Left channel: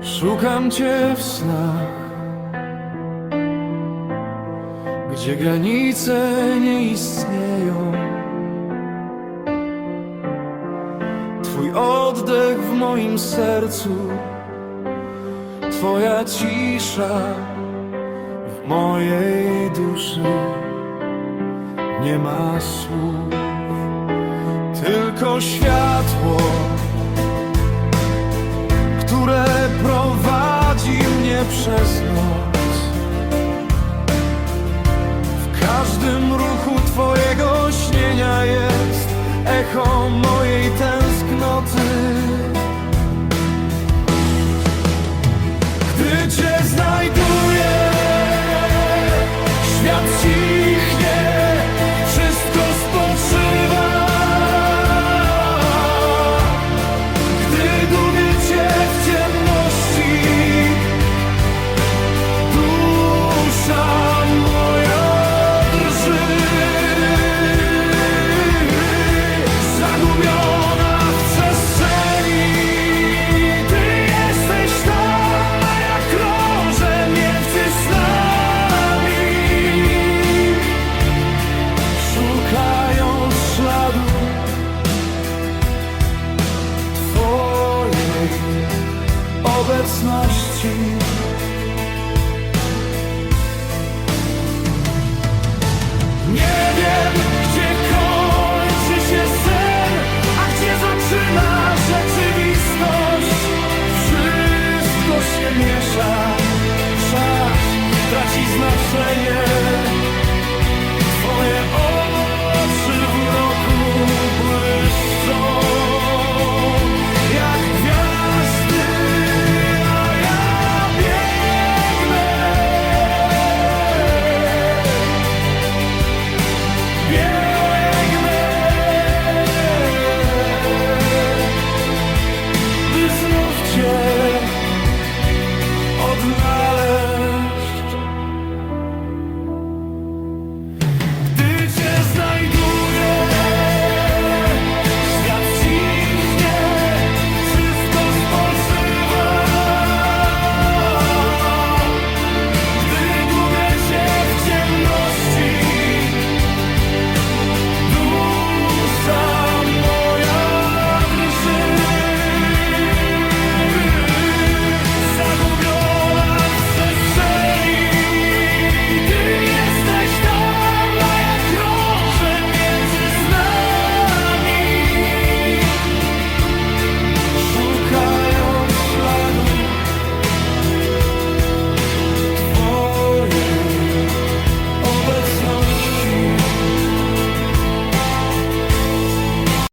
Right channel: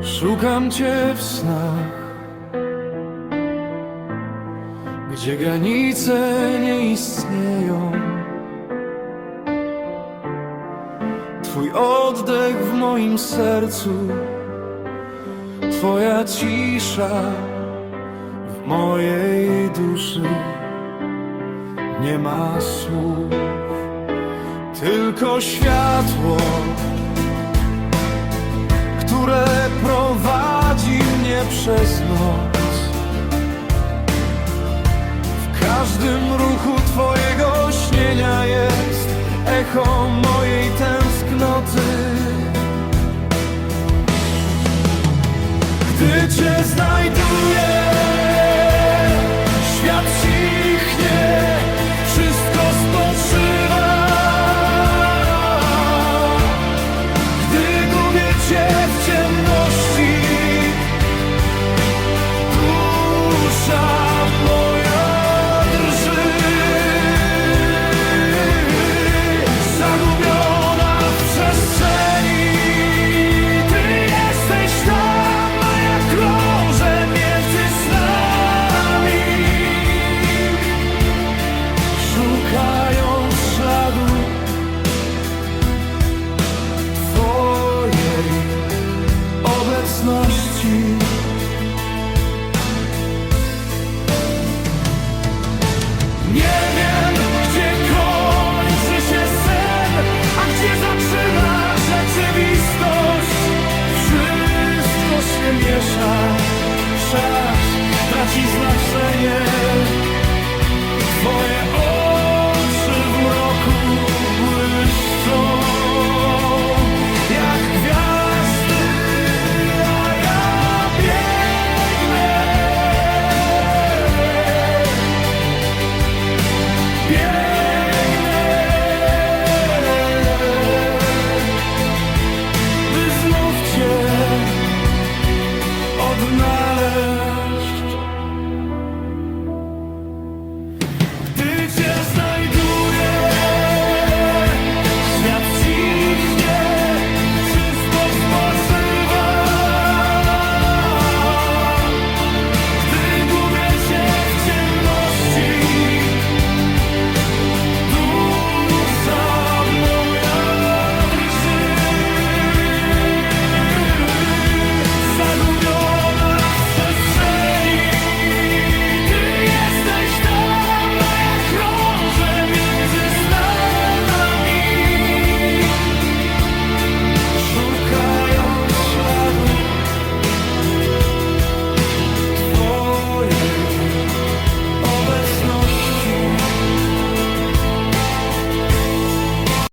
Szukam cię w snach, gdzie granice nie istnieją. Twój oddech w moim sercu, Twoja cisza w mojej duszy. Nie ma słów, tylko światło prowadzi mnie przez noc. W każdym ruchu Twojego śnienia jest echo mojej tęsknoty. Gdy Cię znajduję, Szukając śladu Twojej obecności. Nie wiem, gdzie kończy się sen, a gdzie zaczyna rzeczywistość. Wszystko się miesza, czas traci znaczenie. Twoje oczy odnaleźć. obecności.